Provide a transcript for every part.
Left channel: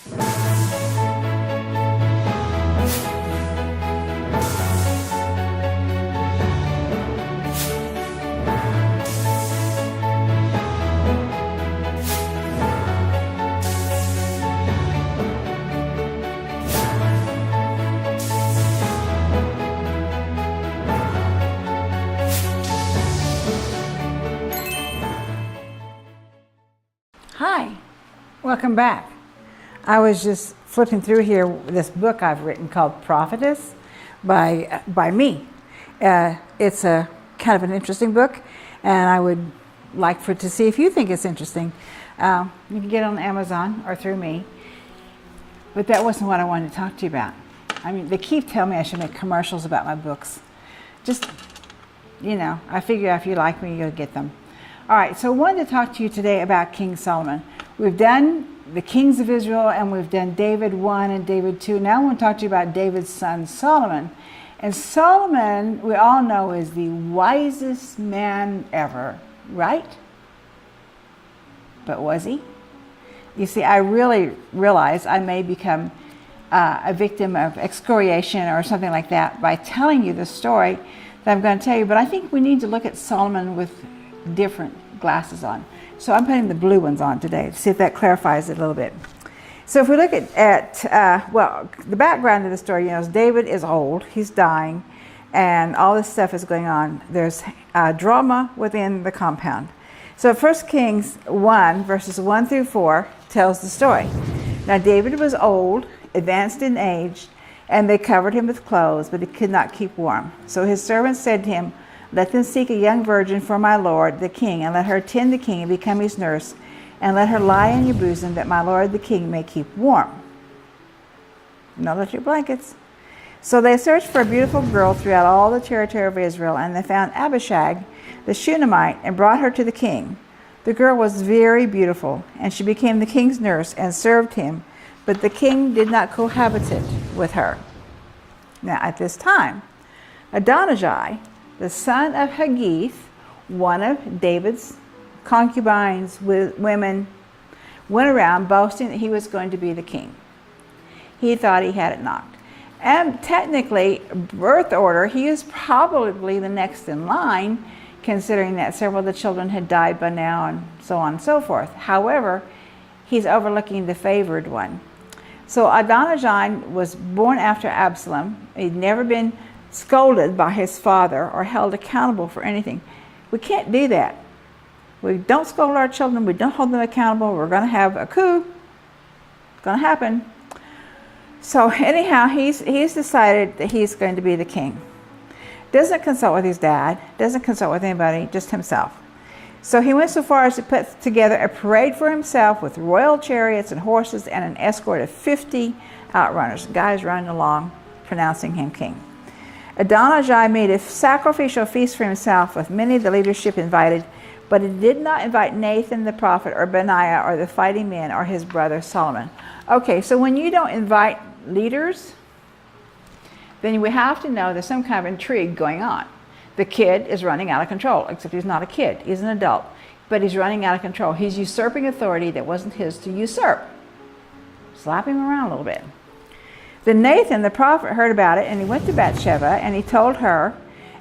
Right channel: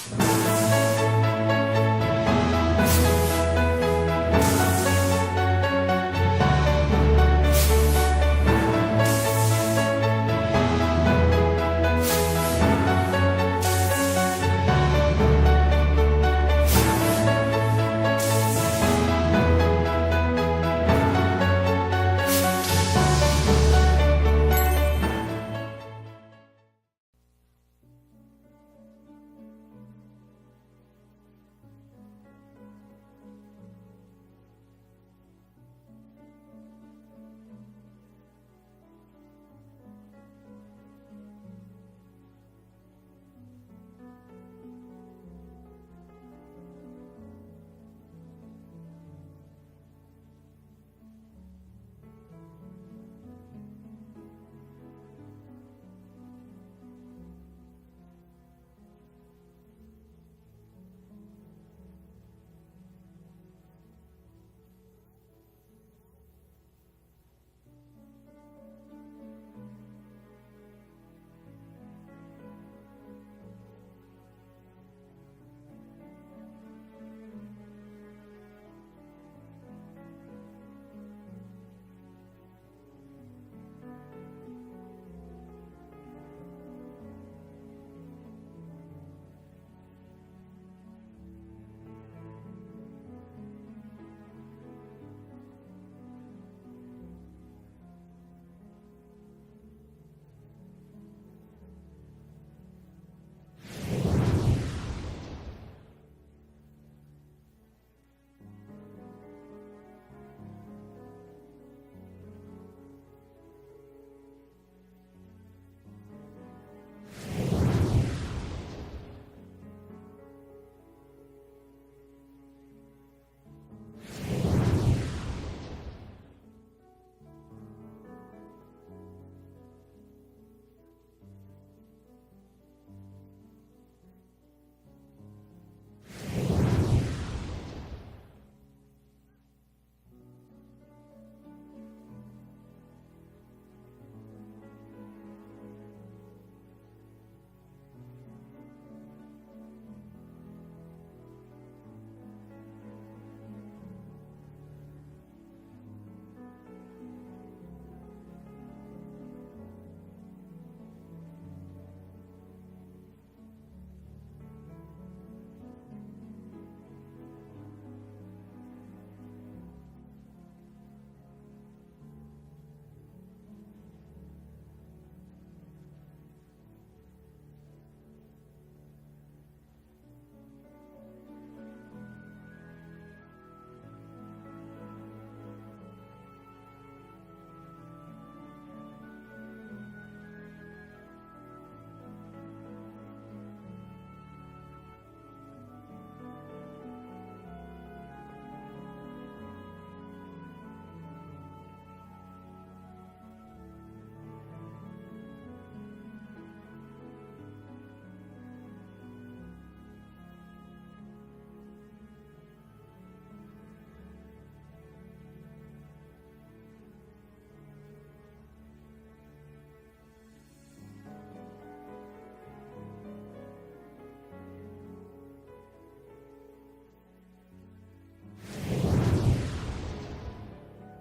Hi, welcome back. I was just flipping through here this book I've written called Prophetess by me. It's a kind of an interesting book, and I would like to see if you think it's interesting. You can get it on Amazon or through me, but that wasn't what I wanted to talk to you about. I mean, they keep telling me I should make commercials about my books. Just, you know, I figure if you like me, you'll get them. All right, so I wanted to talk to you today about King Solomon. We've done the kings of Israel, and we've done David 1 and David 2. Now I want to talk to you about David's son, Solomon. And Solomon, we all know, is the wisest man ever, right? But was he? You see, I really realize I may become a victim of excoriation or something like that by telling you the story that I'm going to tell you, but I think we need to look at Solomon with different glasses on. So I'm putting the blue ones on today to see if that clarifies it a little bit. So if we look at well, the background of the story, you know, is David is old, he's dying, and all this stuff is going on. There's drama within the compound. So 1 Kings 1, verses 1 through 4 tells the story. Now David was old, advanced in age, and they covered him with clothes, but he could not keep warm. So his servants said to him, "Let them seek a young virgin for my lord the king, and let her tend the king and become his nurse, and let her lie in your bosom, that my lord the king may keep warm. Not let your blankets." So they searched for a beautiful girl throughout all the territory of Israel, and they found Abishag the Shunammite and brought her to the king. The girl was very beautiful, and she became the king's nurse and served him, but the king did not cohabitate with her. Now at this time, Adonijah, the son of Haggith, one of David's concubines with women, went around boasting that he was going to be the king. He thought he had it knocked. And technically, birth order, he is probably the next in line, considering that several of the children had died by now and so on and so forth. However, he's overlooking the favored one. So Adonijah was born after Absalom. He'd never been scolded by his father or held accountable for anything. We can't do that. We don't scold our children. We don't hold them accountable. We're going to have a coup. It's going to happen. So anyhow, he's decided that he's going to be the king. Doesn't consult with his dad. Doesn't consult with anybody. Just himself. So he went so far as to put together a parade for himself with royal chariots and horses and an escort of 50 outrunners, guys running along, pronouncing him king. Adonijah made a sacrificial feast for himself with many of the leadership invited, but he did not invite Nathan the prophet or Benaiah or the fighting men or his brother Solomon. Okay, so when you don't invite leaders, then we have to know there's some kind of intrigue going on. The kid is running out of control, except he's not a kid, he's an adult, but he's running out of control. He's usurping authority that wasn't his to usurp. Slap him around a little bit. Then Nathan the prophet heard about it, and he went to Bathsheba and he told her,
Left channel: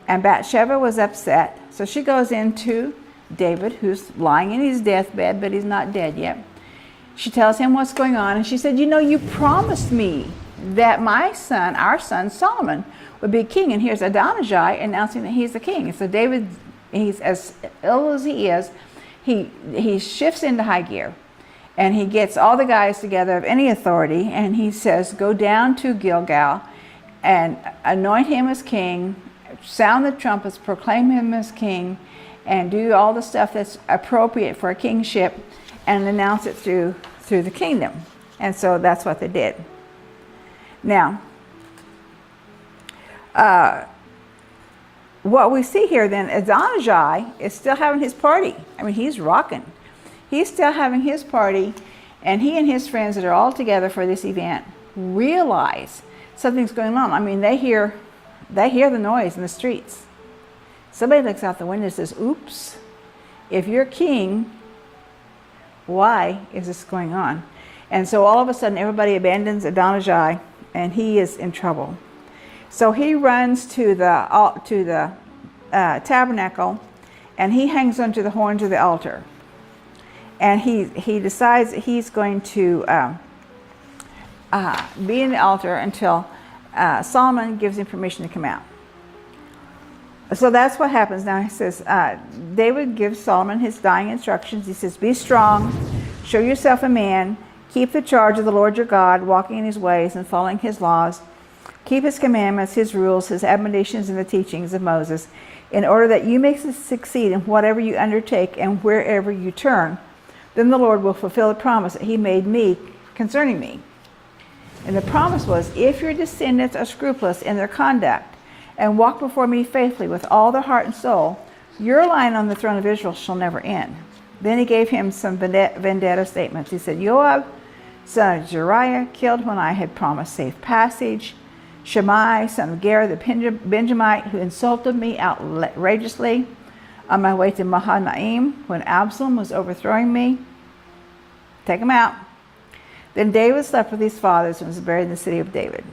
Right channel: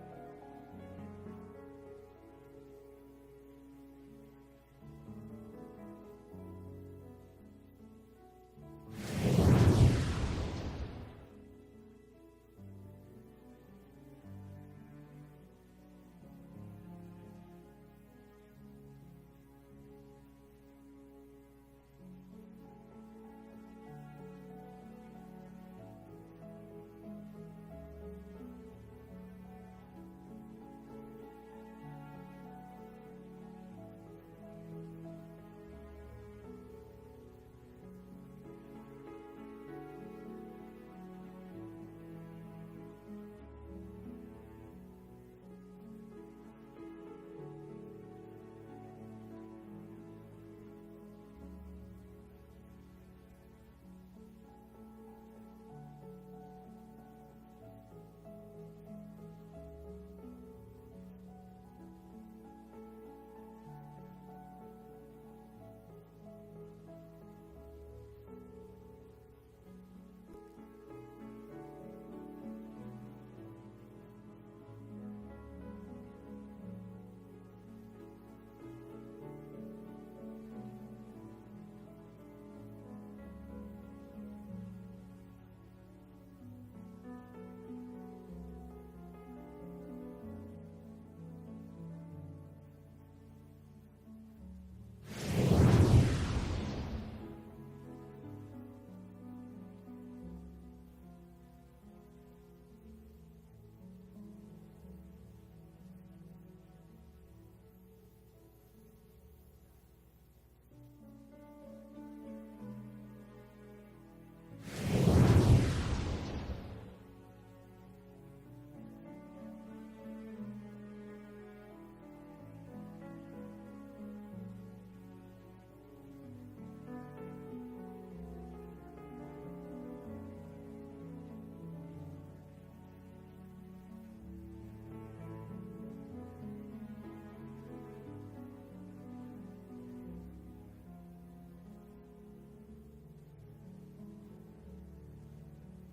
and Bathsheba was upset. So she goes into David, who's lying in his deathbed, but he's not dead yet. She tells him what's going on, and she said, "You know, you promised me that my son, our son Solomon, would be king, and here's Adonijah announcing that he's the king." And so David, he's as ill as he is, he shifts into high gear. And he gets all the guys together of any authority, and he says, "Go down to Gilgal and anoint him as king, sound the trumpets, proclaim him as king, and do all the stuff that's appropriate for a kingship, and announce it through the kingdom." And so that's what they did. Now, what we see here then, Adonijah is still having his party. I mean, he's rocking. He's still having his party, and he and his friends that are all together for this event realize something's going on. I mean, they hear the noise in the streets. Somebody looks out the window and says, "Oops, if you're king, why is this going on?" And so all of a sudden, everybody abandons Adonijah, and he is in trouble. So he runs to the tabernacle, and he hangs onto the horns of the altar. And he decides that he's going to be in the altar until Solomon gives him permission to come out. So that's what happens. Now he says, David gives Solomon his dying instructions. He says, be strong, show yourself a man, keep the charge of the Lord your God, walking in his ways and following his laws. Keep his commandments, his rules, his admonitions, and the teachings of Moses, in order that you may succeed in whatever you undertake and wherever you turn. Then the Lord will fulfill the promise that he made me concerning me. And the promise was, if your descendants are scrupulous in their conduct and walk before me faithfully with all their heart and soul, your line on the throne of Israel shall never end. Then he gave him some vendetta statements. He said, Joab, son of Zeruiah, killed when I had promised safe passage. Shimei, son of Gera, the Benjamite, who insulted me outrageously on my way to Mahanaim when Absalom was overthrowing me. Take him out. Then David slept with his fathers and was buried in the city of David.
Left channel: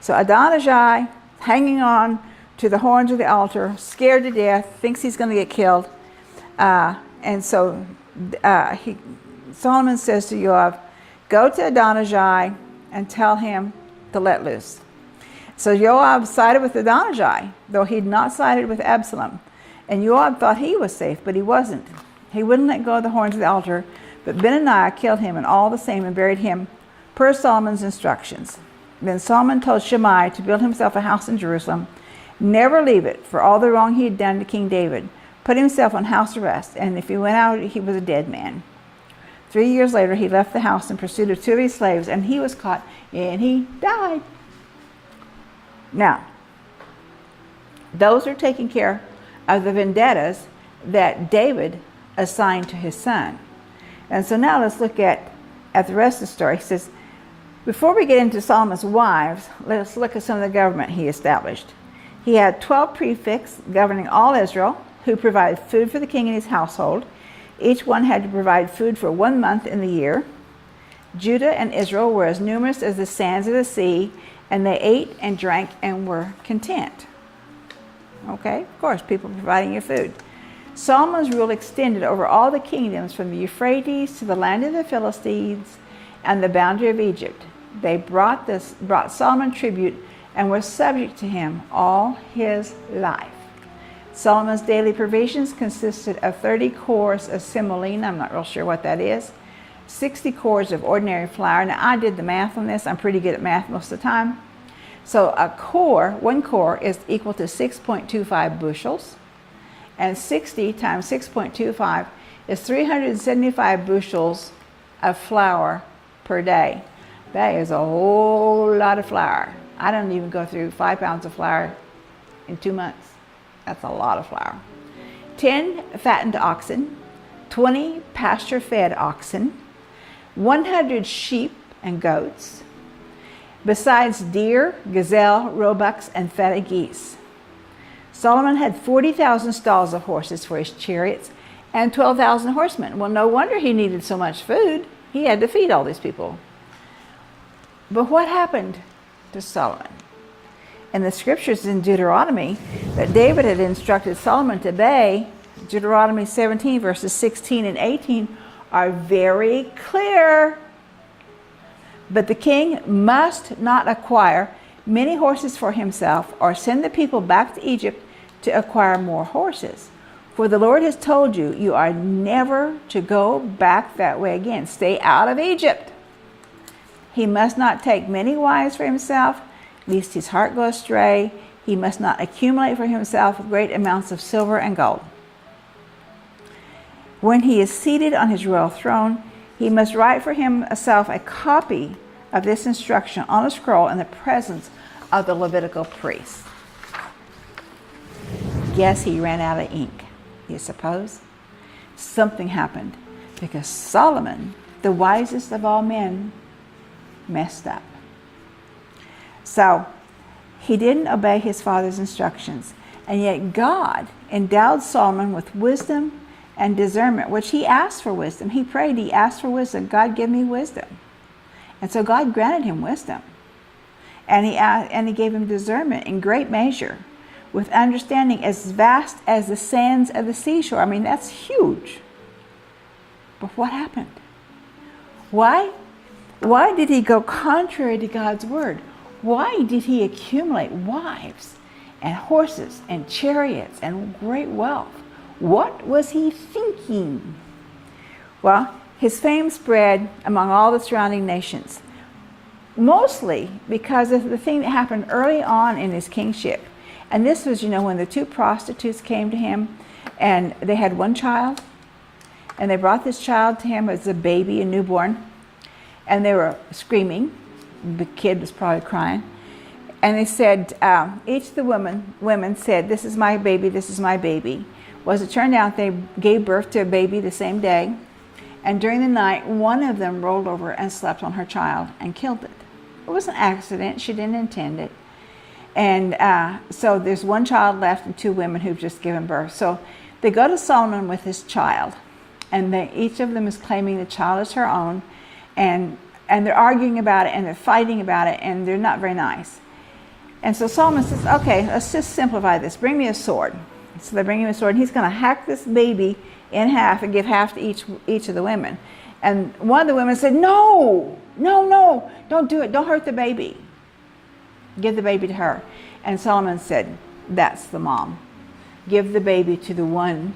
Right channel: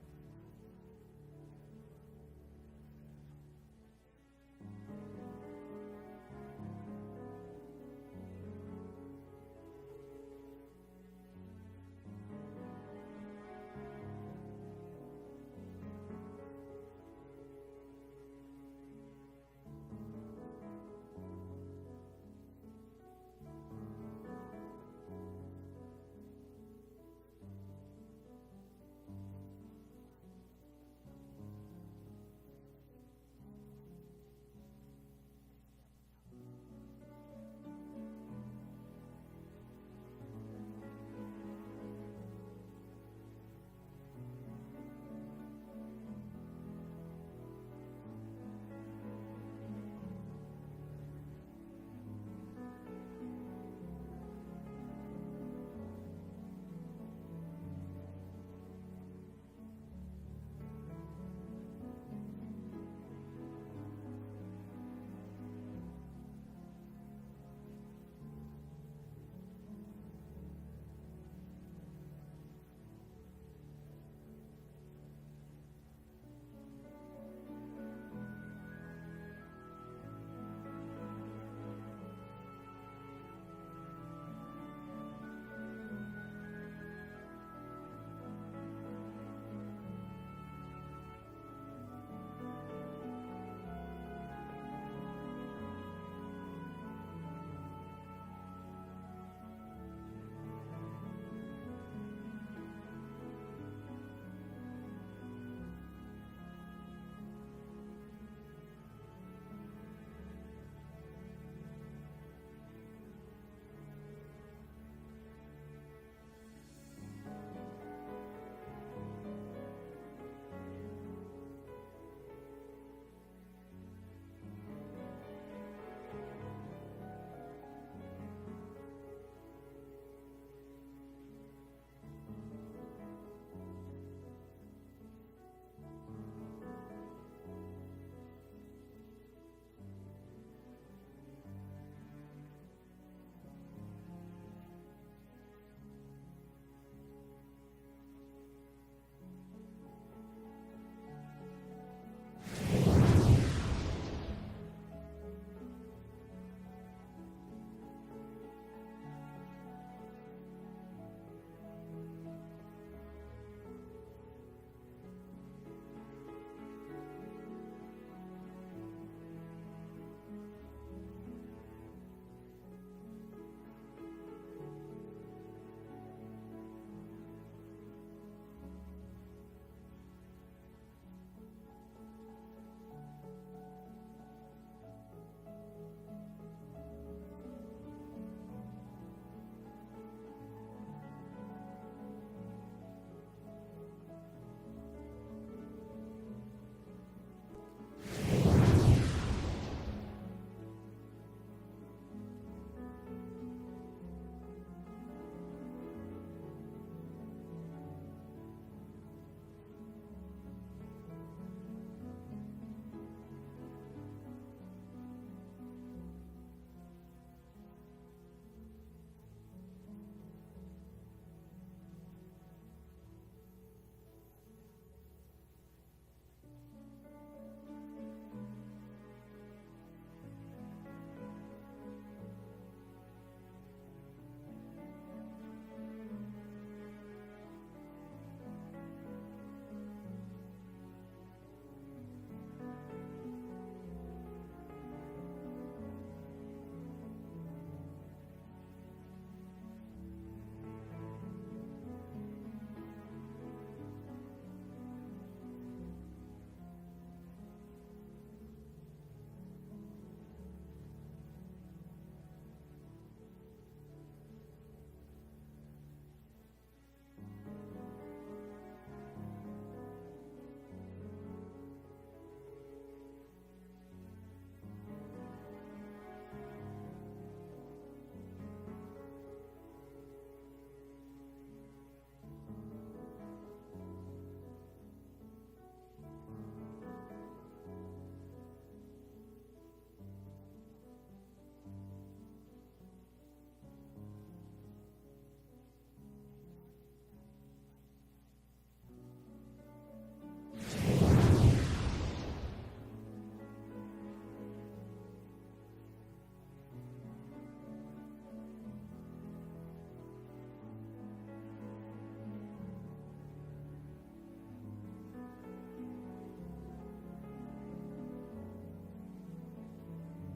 So Adonijah, hanging on to the horns of the altar, scared to death, thinks he's going to get killed. And so Solomon says to Joab, go to Adonijah and tell him to let loose. So Joab sided with Adonijah, though he'd not sided with Absalom. And Joab thought he was safe, but he wasn't. He wouldn't let go of the horns of the altar, but Benaiah killed him and all the same and buried him per Solomon's instructions. Then Solomon told Shimei to build himself a house in Jerusalem, never leave it for all the wrong he had done to King David, put himself on house arrest, and if he went out, he was a dead man. 3 years later, he left the house in pursuit of 2 of his slaves, and he was caught, and he died. Now, those are taking care of the vendettas that David assigned to his son. And so now let's look at the rest of the story. He says, before we get into Solomon's wives, let's look at some of the government he established. He had 12 prefects governing all Israel, who provided food for the king and his household. Each one had to provide food for 1 month in the year. Judah and Israel were as numerous as the sands of the sea, and they ate and drank and were content. Okay, of course, people providing you food. Solomon's rule extended over all the kingdoms from the Euphrates to the land of the Philistines and the boundary of Egypt. They brought Solomon tribute and were subject to him all his life. Solomon's daily provisions consisted of 30 cores of semolina, I'm not real sure what that is, 60 cores of ordinary flour. Now, I did the math on this. I'm pretty good at math most of the time. So one core is equal to 6.25 bushels, and 60 times 6.25 is 375 bushels of flour per day. That is a whole lot of flour. I don't even go through 5 pounds of flour in 2 months. That's a lot of flour. 10 fattened oxen, 20 pasture-fed oxen, 100 sheep and goats, besides deer, gazelle, roebucks, and fatted geese. Solomon had 40,000 stalls of horses for his chariots and 12,000 horsemen. Well, no wonder he needed so much food. He had to feed all these people. But what happened to Solomon? In the scriptures in Deuteronomy that David had instructed Solomon to obey, Deuteronomy 17 verses 16 and 18 are very clear. But the king must not acquire many horses for himself or send the people back to Egypt to acquire more horses. For the Lord has told you, you are never to go back that way again. Stay out of Egypt. He must not take many wives for himself, lest his heart go astray. He must not accumulate for himself great amounts of silver and gold. When he is seated on his royal throne, he must write for himself a copy of this instruction on a scroll in the presence of the Levitical priests. Guess he ran out of ink, you suppose? Something happened because Solomon, the wisest of all men, messed up. So he didn't obey his father's instructions, and yet God endowed Solomon with wisdom and discernment, which he asked for wisdom. He prayed, he asked for wisdom. God, give me wisdom. And so God granted him wisdom. And he gave him discernment in great measure, with understanding as vast as the sands of the seashore. I mean, that's huge. But what happened? Why? Why did he go contrary to God's word? Why did he accumulate wives and horses and chariots and great wealth? What was he thinking? Well, his fame spread among all the surrounding nations, mostly because of the thing that happened early on in his kingship. And this was, when the two prostitutes came to him, and they had one child, and they brought this child to him as a baby, a newborn, and they were screaming. The kid was probably crying. And they said, each of the women said, "This is my baby, this is my baby." Well, as it turned out, they gave birth to a baby the same day. And during the night, one of them rolled over and slept on her child and killed it. It was an accident. She didn't intend it. And so there's one child left and two women who've just given birth. So they go to Solomon with his child. And each of them is claiming the child is her own. And they're arguing about it, and they're fighting about it, and they're not very nice. And so Solomon says, okay, let's just simplify this. Bring me a sword. So they bring him a sword, and he's going to hack this baby in half and give half to each of the women. And one of the women said, no, don't do it. Don't hurt the baby. Give the baby to her. And Solomon said, that's the mom. Give the baby to the one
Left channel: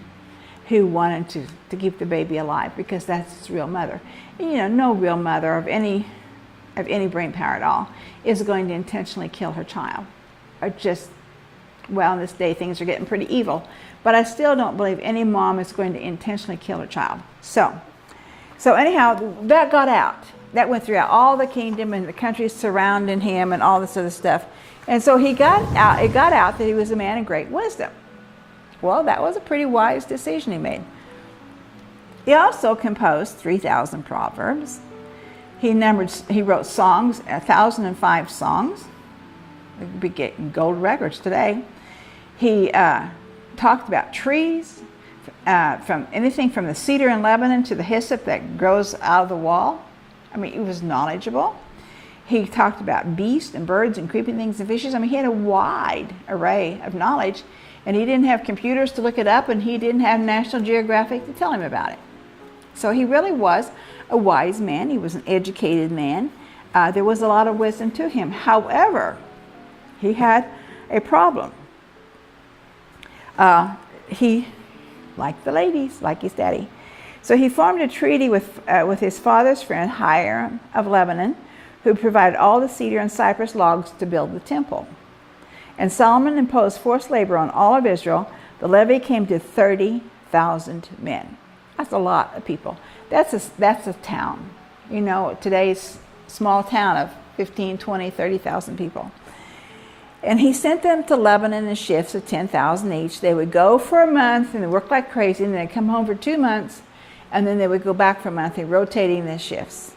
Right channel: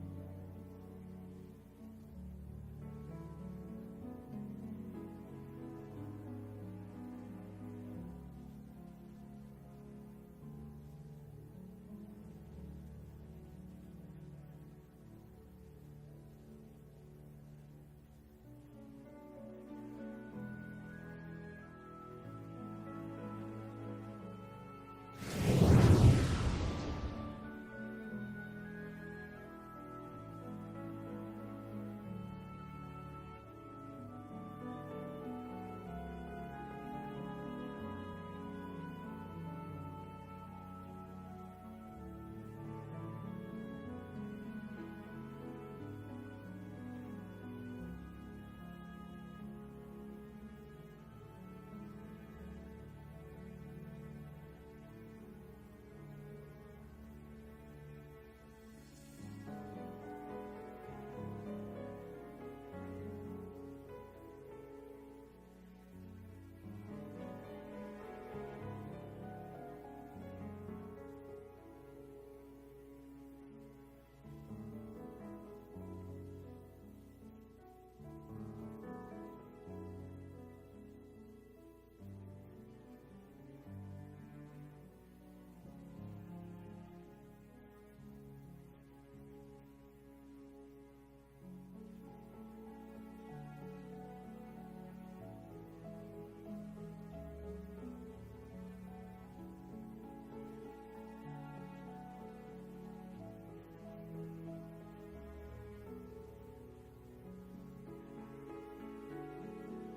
who wanted to keep the baby alive, because that's his real mother. And, no real mother of any brain power at all is going to intentionally kill her child. Or just, well, in this day things are getting pretty evil. But I still don't believe any mom is going to intentionally kill her child. So anyhow, that got out. That went throughout all the kingdom and the countries surrounding him and all this other stuff. And so it got out that he was a man of great wisdom. Well, that was a pretty wise decision he made. He also composed 3,000 proverbs. He wrote songs, 1,005 songs. We'd be getting gold records today. He talked about trees, from anything from the cedar in Lebanon to the hyssop that grows out of the wall. I mean, he was knowledgeable. He talked about beasts and birds and creeping things and fishes. I mean, he had a wide array of knowledge, and he didn't have computers to look it up, and he didn't have National Geographic to tell him about it. So he really was a wise man. He was an educated man. There was a lot of wisdom to him. However, he had a problem. He liked the ladies, like his daddy. So he formed a treaty with his father's friend Hiram of Lebanon, who provided all the cedar and cypress logs to build the temple. And Solomon imposed forced labor on all of Israel. The levy came to 30,000 men. That's a lot of people. That's a town. Today's small town of 15, 20, 30,000 people. And he sent them to Lebanon in shifts of 10,000 each. They would go for a month and they worked like crazy, and they'd come home for 2 months, and then they would go back for a month, rotating the shifts.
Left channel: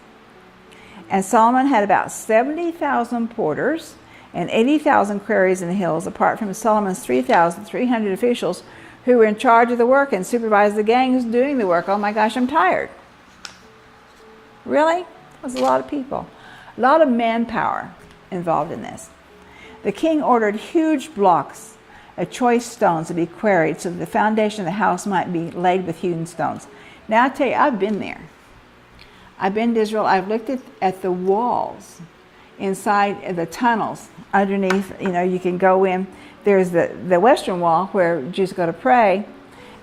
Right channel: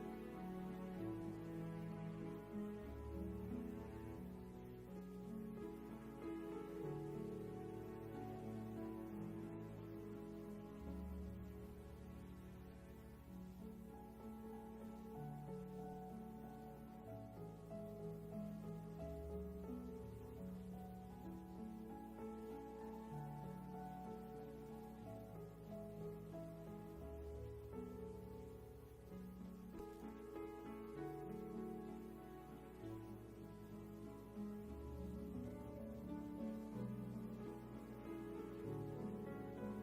And Solomon had about 70,000 porters and 80,000 quarries in the hills, apart from Solomon's 3,300 officials who were in charge of the work and supervised the gangs doing the work. Oh my gosh, I'm tired. Really? That was a lot of people. A lot of manpower involved in this. The king ordered huge blocks of choice stones to be quarried so that the foundation of the house might be laid with hewn stones. Now I tell you, I've been there. I've been to Israel. I've looked at the walls inside the tunnels underneath. You can go in. There's the western wall where Jews go to pray,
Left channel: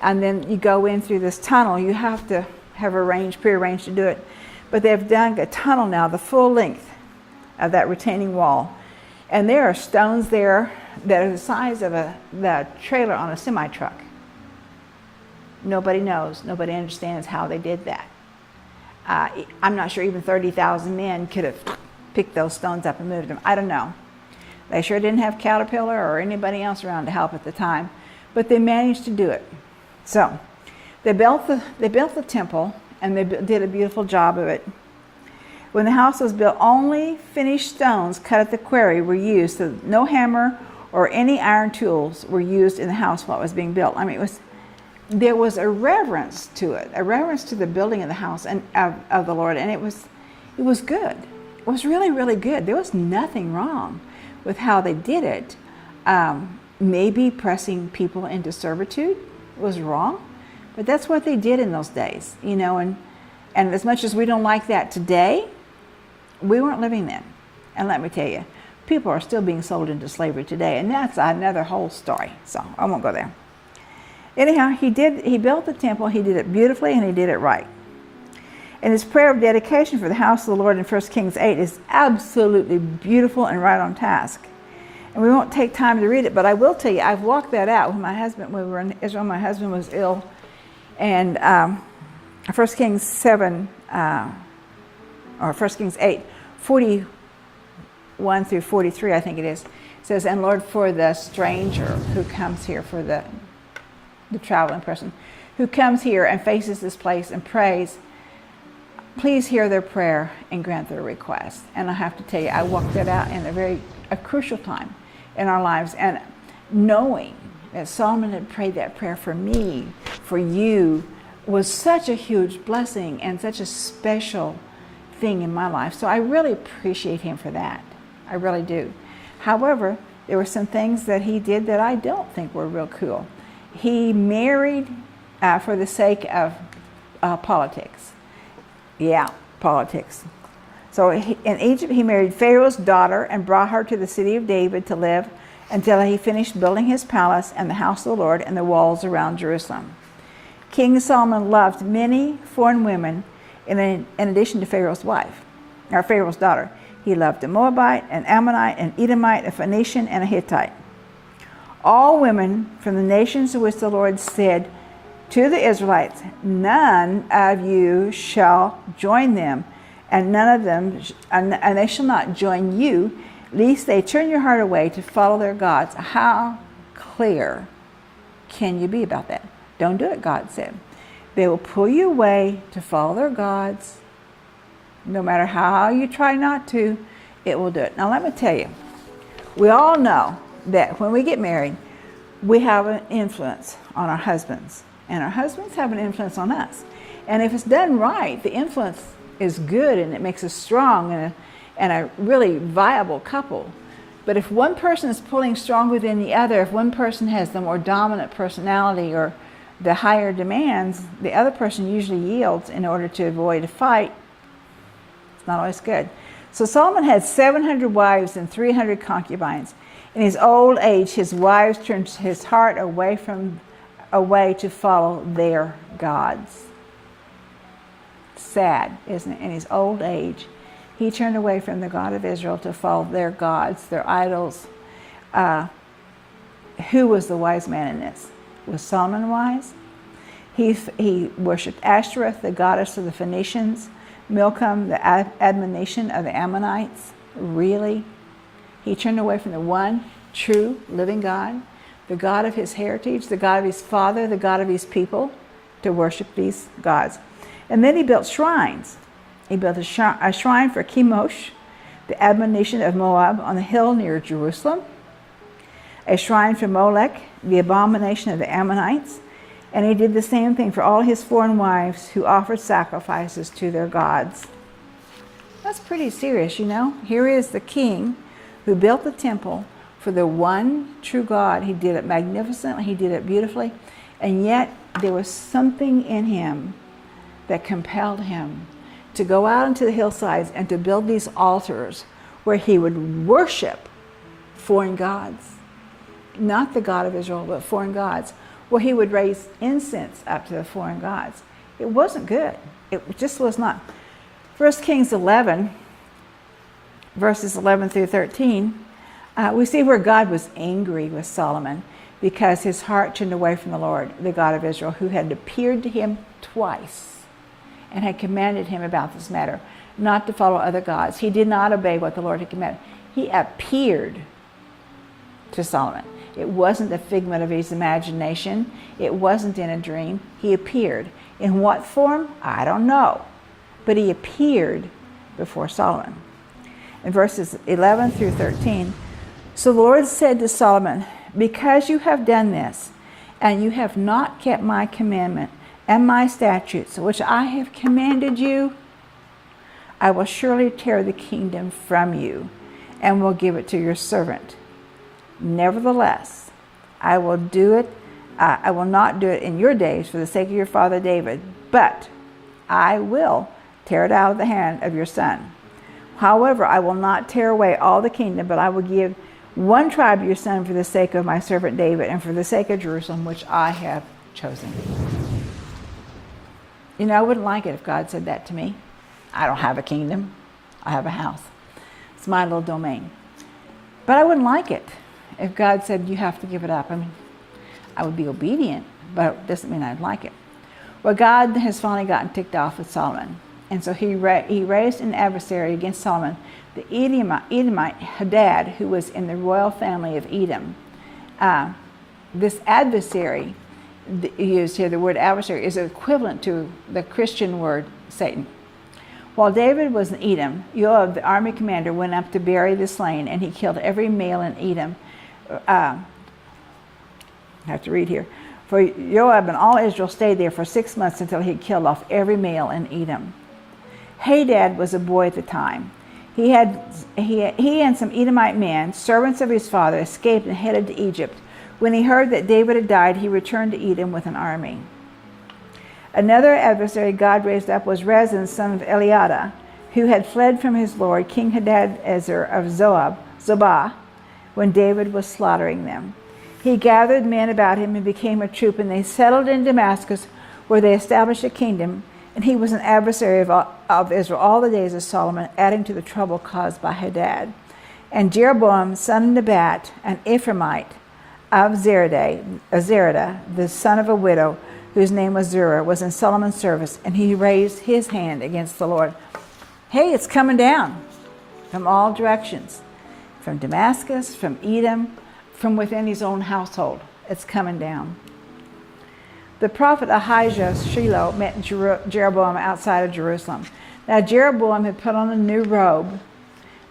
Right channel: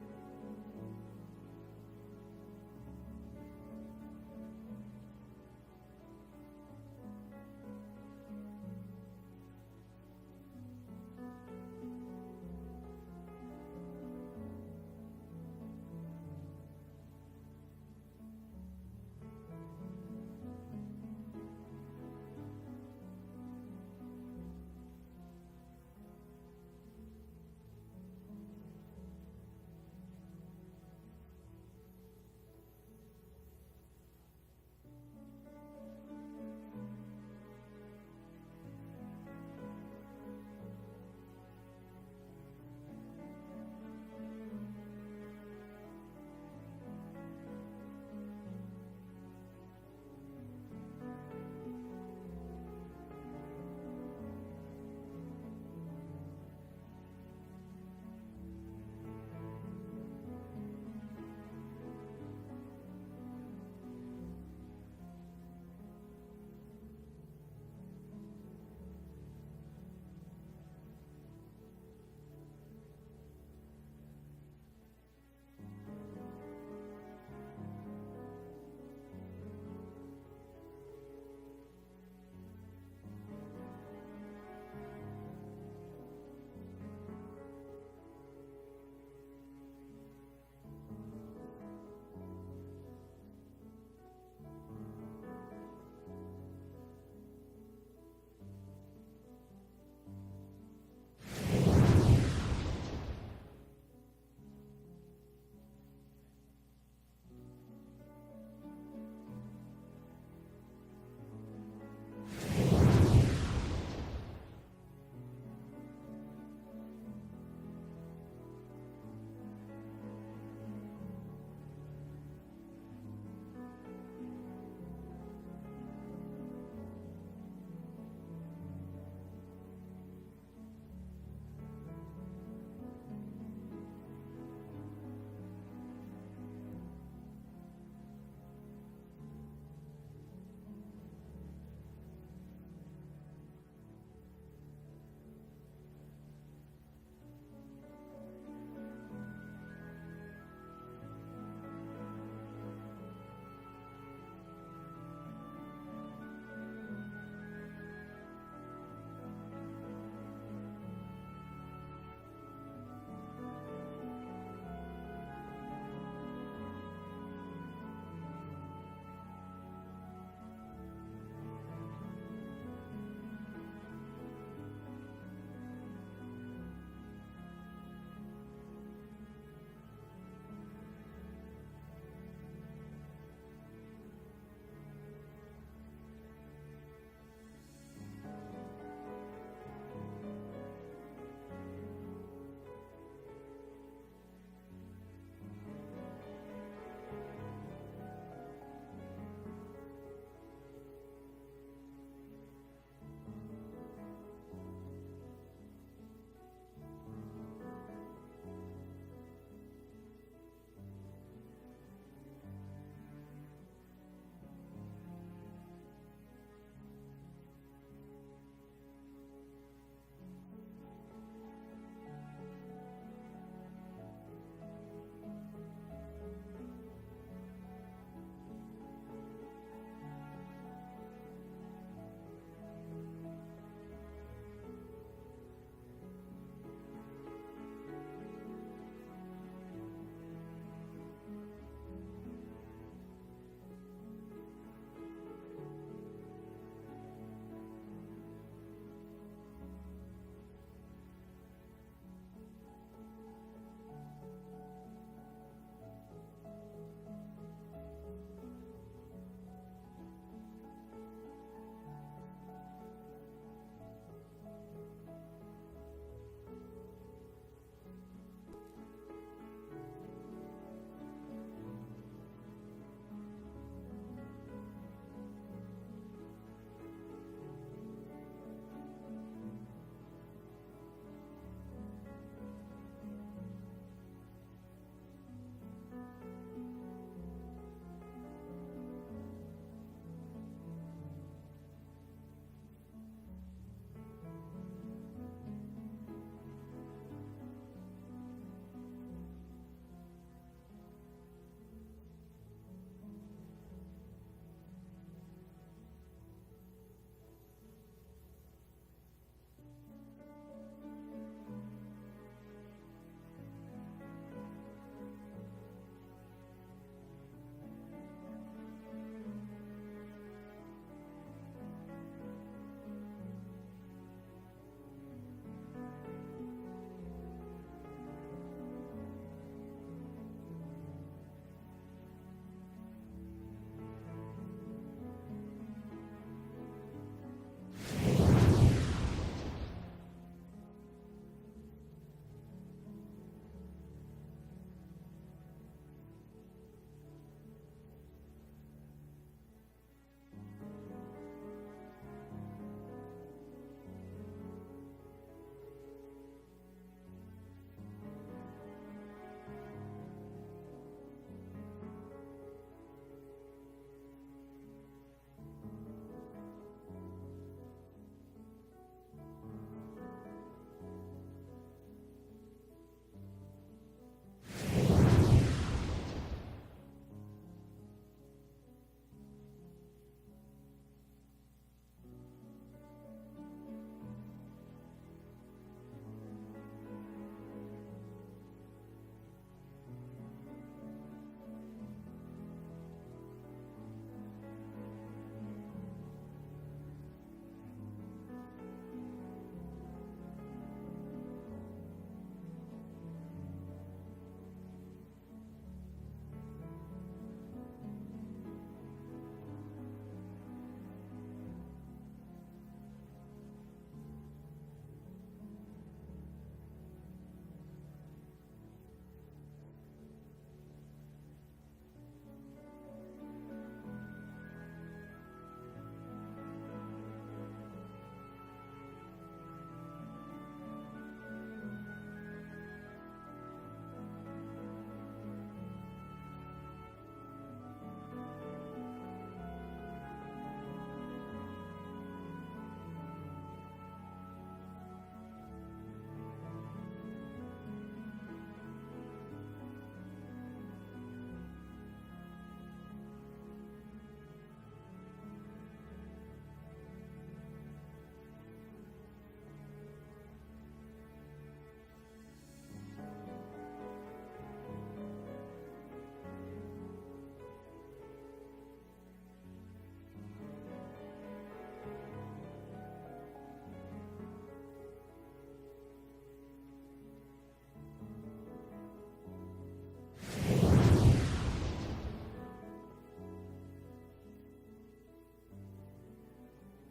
and then you go in through this tunnel. You have to have prearranged to do it. But they've done a tunnel now, the full length of that retaining wall. And there are stones there that are the size of the trailer on a semi-truck. Nobody knows. Nobody understands how they did that. I'm not sure even 30,000 men could have picked those stones up and moved them. I don't know. They sure didn't have Caterpillar or anybody else around to help at the time, but they managed to do it. So they built the temple, and they did a beautiful job of it. When the house was built, only finished stones cut at the quarry were used, so no hammer or any iron tools were used in the house while it was being built. I mean, there was a reverence to it, a reverence to the building of the house and of the Lord, and it was good. It was really, really good. There was nothing wrong with how they did it. Maybe pressing people into servitude was wrong, but that's what they did in those days, you know, and as much as we don't like that today, we weren't living then. And let me tell you, people are still being sold into slavery today, and that's another whole story, so I won't go there. Anyhow, he built the temple, he did it beautifully, and he did it right. And his prayer of dedication for the house of the Lord in 1 Kings 8 is absolutely beautiful and right on task. And we won't take time to read it, but I will tell you, I've walked that out with my husband when we were in Israel. My husband was ill, and 1 Kings 7, or 1 Kings 8, 41 through 43, I think it is, says, "And Lord, for the stranger who comes here, for the traveling person who comes here and faces this place and prays, please hear their prayer and grant their request." And I have to tell you, I walked that out in a crucial time in our lives, and knowing that Solomon had prayed that prayer for me, for you, was such a huge blessing and such a special thing in my life. So I really appreciate him for that. I really do. However, there were some things that he did that I don't think were real cool. He married for the sake of politics. Yeah, politics. So in Egypt, he married Pharaoh's daughter and brought her to the city of David to live until he finished building his palace and the house of the Lord and the walls around Jerusalem. King Solomon loved many foreign women in addition to Pharaoh's wife, or Pharaoh's daughter. He loved a Moabite, an Ammonite, an Edomite, a Phoenician, and a Hittite. All women from the nations to which the Lord said to the Israelites, "None of you shall join them, and none of them, and they shall not join you, lest they turn your heart away to follow their gods." How clear can you be about that? Don't do it, God said. They will pull you away to follow their gods. No matter how you try not to, it will do it. Now let me tell you, we all know that when we get married, we have an influence on our husbands, and our husbands have an influence on us. And if it's done right, the influence is good and it makes us strong and a really viable couple. But if one person is pulling stronger than the other, if one person has the more dominant personality or the higher demands, the other person usually yields in order to avoid a fight. It's not always good. So Solomon had 700 wives and 300 concubines. In his old age, his wives turned his heart away to follow their gods. Sad, isn't it? In his old age, he turned away from the God of Israel to follow their gods, their idols. Who was the wise man in this? Was Solomon wise? He worshipped Ashtoreth, the goddess of the Phoenicians, Milcom, the admonition of the Ammonites. Really? He turned away from the one true living God, the God of his heritage, the God of his father, the God of his people, to worship these gods. And then he built shrines. He built a shrine for Chemosh, the admonition of Moab, on the hill near Jerusalem, a shrine for Molech, the abomination of the Ammonites, and he did the same thing for all his foreign wives who offered sacrifices to their gods. That's pretty serious, you know. Here is the king who built the temple for the one true God. He did it magnificently, he did it beautifully, and yet there was something in him that compelled him to go out into the hillsides and to build these altars where he would worship foreign gods. Not the God of Israel, but foreign gods, where he would raise incense up to the foreign gods. It wasn't good. It just was not. 1 Kings 11, verses 11 through 13, we see where God was angry with Solomon because his heart turned away from the Lord, the God of Israel, who had appeared to him twice and had commanded him about this matter, not to follow other gods. He did not obey what the Lord had commanded. He appeared to Solomon. It wasn't a figment of his imagination. It wasn't in a dream. He appeared. In what form? I don't know. But he appeared before Solomon. In verses 11 through 13, so the Lord said to Solomon, "Because you have done this, and you have not kept my commandment and my statutes, which I have commanded you, I will surely tear the kingdom from you and will give it to your servant. Nevertheless, I will not do it in your days for the sake of your father David, but I will tear it out of the hand of your son. However, I will not tear away all the kingdom, but I will give one tribe to your son for the sake of my servant David and for the sake of Jerusalem, which I have chosen. You know, I wouldn't like it if God said that to me. I don't have a kingdom. I have a house. It's my little domain. But I wouldn't like it if God said, you have to give it up. I mean, I would be obedient, but it doesn't mean I'd like it. Well, God has finally gotten ticked off with Solomon. And so he raised an adversary against Solomon, the Edomite Hadad, who was in the royal family of Edom. This adversary used here, the word adversary, is equivalent to the Christian word Satan. While David was in Edom, Joab, the army commander, went up to bury the slain, and he killed every male in Edom. I have to read here. For Joab and all Israel stayed there for 6 months until he had killed off every male in Edom. Hadad was a boy at the time. He and some Edomite men, servants of his father, escaped and headed to Egypt. When he heard that David had died, he returned to Edom with an army. Another adversary God raised up was Rezin, son of Eliada, who had fled from his lord, King Hadadezer of Zobah, when David was slaughtering them. He gathered men about him and became a troop, and they settled in Damascus, where they established a kingdom, and he was an adversary of Israel all the days of Solomon, adding to the trouble caused by Hadad. And Jeroboam, son of Nebat, an Ephraimite of Zeradah, the son of a widow, whose name was Zerah, was in Solomon's service, and he raised his hand against the Lord. Hey, it's coming down from all directions, from Damascus, from Edom, from within his own household. It's coming down. The prophet Ahijah Shiloh met Jeroboam outside of Jerusalem. Now Jeroboam had put on a new robe.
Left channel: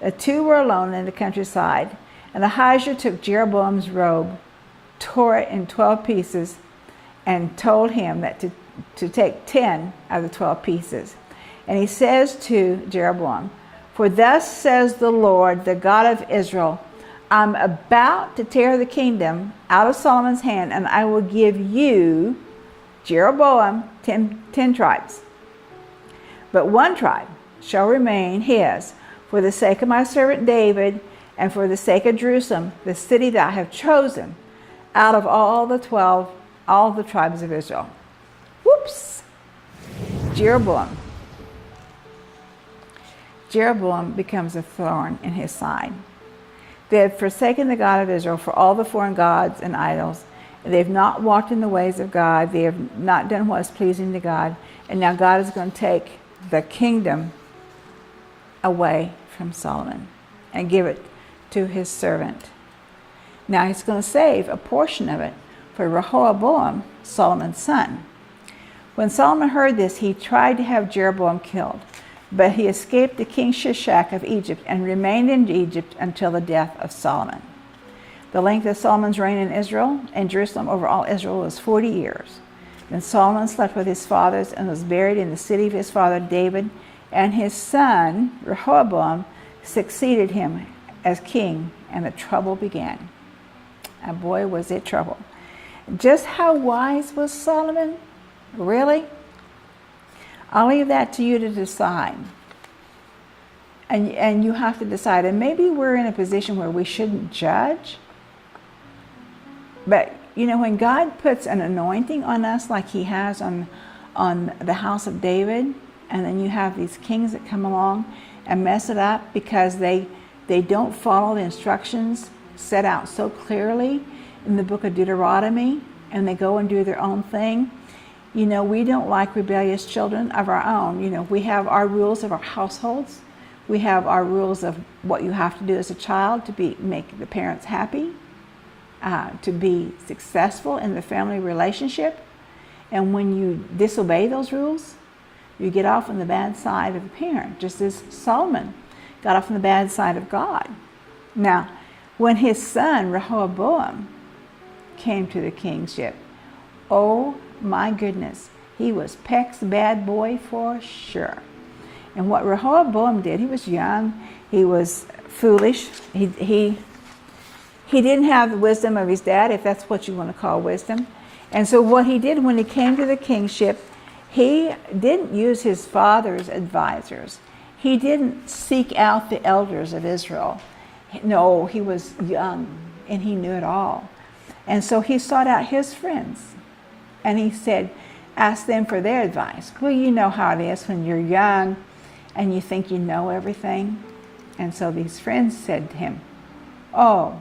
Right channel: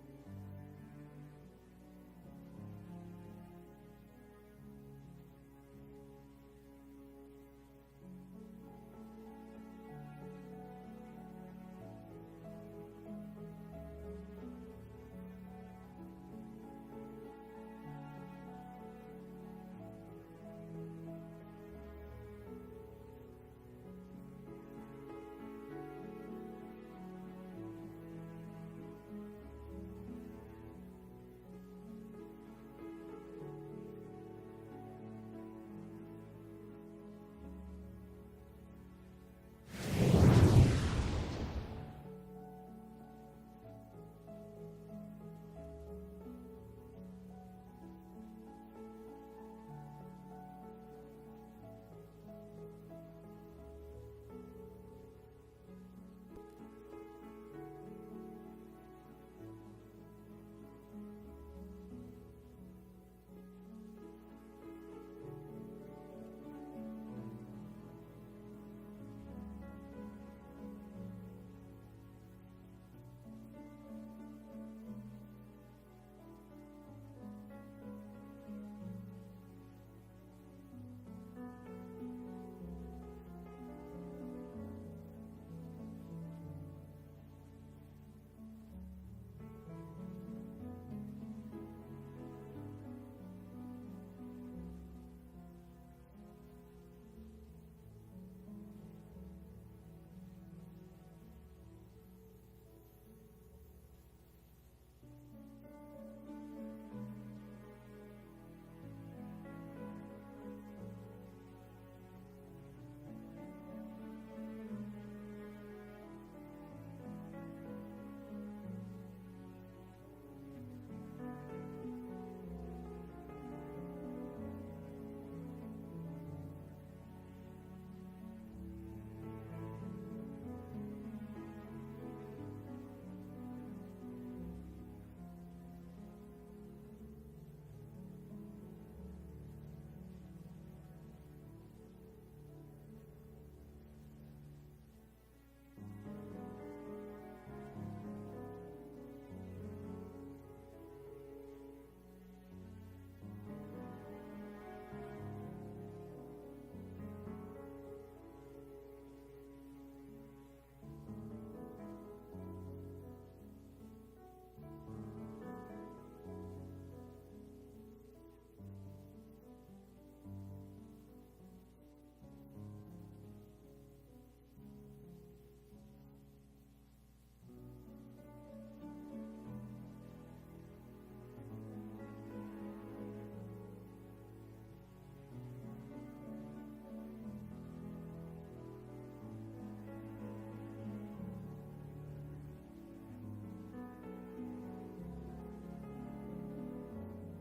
The two were alone in the countryside, and Ahijah took Jeroboam's robe, tore it in 12 pieces, and told him that to take 10 of the 12 pieces. And he says to Jeroboam, "For thus says the Lord, the God of Israel, I'm about to tear the kingdom out of Solomon's hand, and I will give you, Jeroboam, 10 tribes. But one tribe shall remain his, for the sake of my servant David, and for the sake of Jerusalem, the city that I have chosen, out of all the tribes of Israel." Whoops! Jeroboam becomes a thorn in his side. They have forsaken the God of Israel for all the foreign gods and idols. They have not walked in the ways of God. They have not done what is pleasing to God. And now God is going to take the kingdom away from Solomon and give it to his servant. Now he's going to save a portion of it for Rehoboam, Solomon's son. When Solomon heard this, he tried to have Jeroboam killed, but he escaped to King Shishak of Egypt and remained in Egypt until the death of Solomon. The length of Solomon's reign in Israel and Jerusalem over all Israel was 40 years. Then Solomon slept with his fathers and was buried in the city of his father David, and his son Rehoboam succeeded him as king, and the trouble began. And boy, was it trouble. Just how wise was Solomon? Really? I'll leave that to you to decide. And you have to decide. And maybe we're in a position where we shouldn't judge. But, you know, when God puts an anointing on us like he has on the house of David, and then you have these kings that come along and mess it up because they don't follow the instructions set out so clearly in the book of Deuteronomy, and they go and do their own thing. You know, we don't like rebellious children of our own. You know, we have our rules of our households. We have our rules of what you have to do as a child to make the parents happy, to be successful in the family relationship. And when you disobey those rules, you get off on the bad side of the parent, just as Solomon got off on the bad side of God. Now, when his son Rehoboam came to the kingship, Oh my goodness. He was Peck's bad boy for sure. And what Rehoboam did, he was young, he was foolish, he didn't have the wisdom of his dad, if that's what you want to call wisdom. And so what he did when he came to the kingship, he didn't use his father's advisors. He didn't seek out the elders of Israel. No, he was young and he knew it all. And so he sought out his friends and he said, ask them for their advice. Well, you know how it is when you're young and you think you know everything. And so these friends said to him, oh,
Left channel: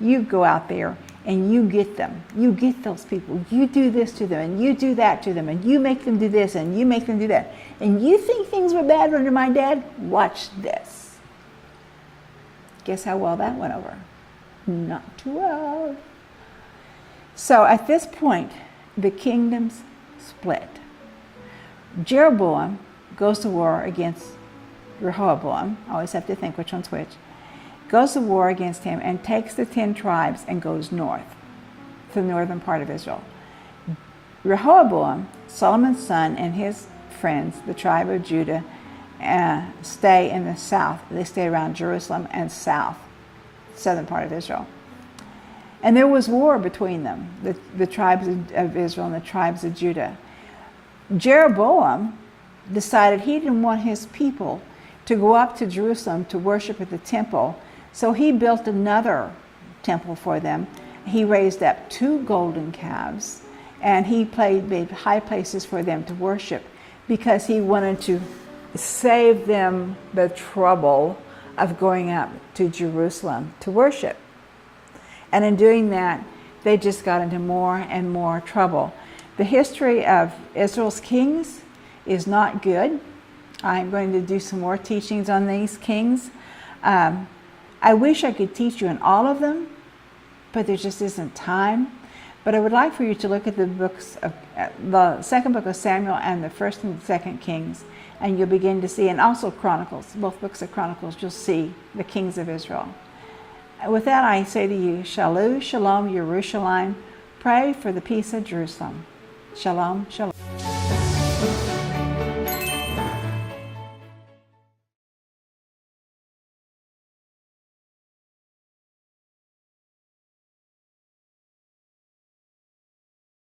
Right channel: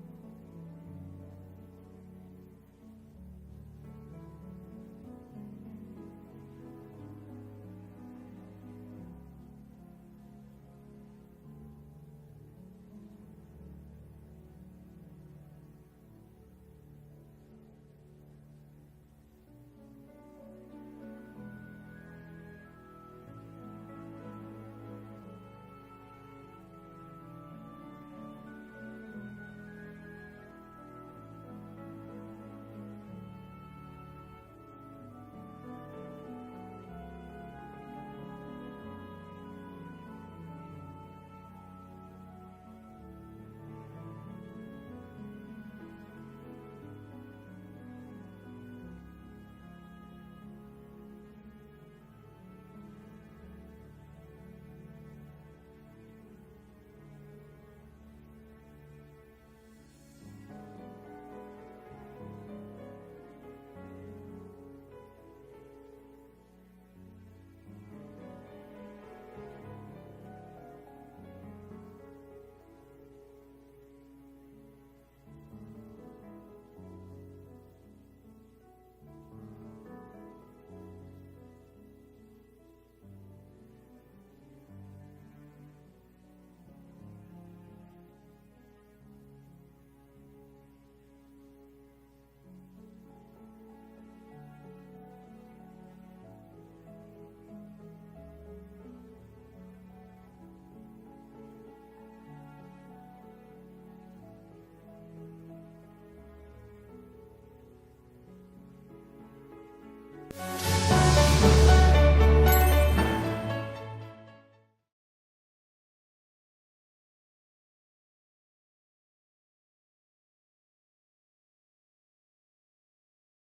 you go out there and you get them. You get those people. You do this to them and you do that to them and you make them do this and you make them do that. And you think things were bad under my dad? Watch this. Guess how well that went over? Not too well. So at this point, the kingdoms split. Jeroboam goes to war against Rehoboam. I always have to think which one's which. Goes to war against him and takes the 10 tribes and goes north to the northern part of Israel. Rehoboam, Solomon's son, and his friends, the tribe of Judah, stay in the south. They stay around Jerusalem and south, southern part of Israel. And there was war between them, the tribes of Israel and the tribes of Judah. Jeroboam decided he didn't want his people to go up to Jerusalem to worship at the temple, so he built another temple for them. He raised up 2 golden calves, and he made high places for them to worship because he wanted to save them the trouble of going up to Jerusalem to worship. And in doing that, they just got into more and more trouble. The history of Israel's kings is not good. I'm going to do some more teachings on these kings. I wish I could teach you on all of them, but there just isn't time. But I would like for you to look at the books of the second book of Samuel and the first and second Kings, and you'll begin to see, and also Chronicles, both books of Chronicles, you'll see the kings of Israel. With that, I say to you, Shalom, Shalom, Yerushalayim. Pray for the peace of Jerusalem. Shalom, Shalom.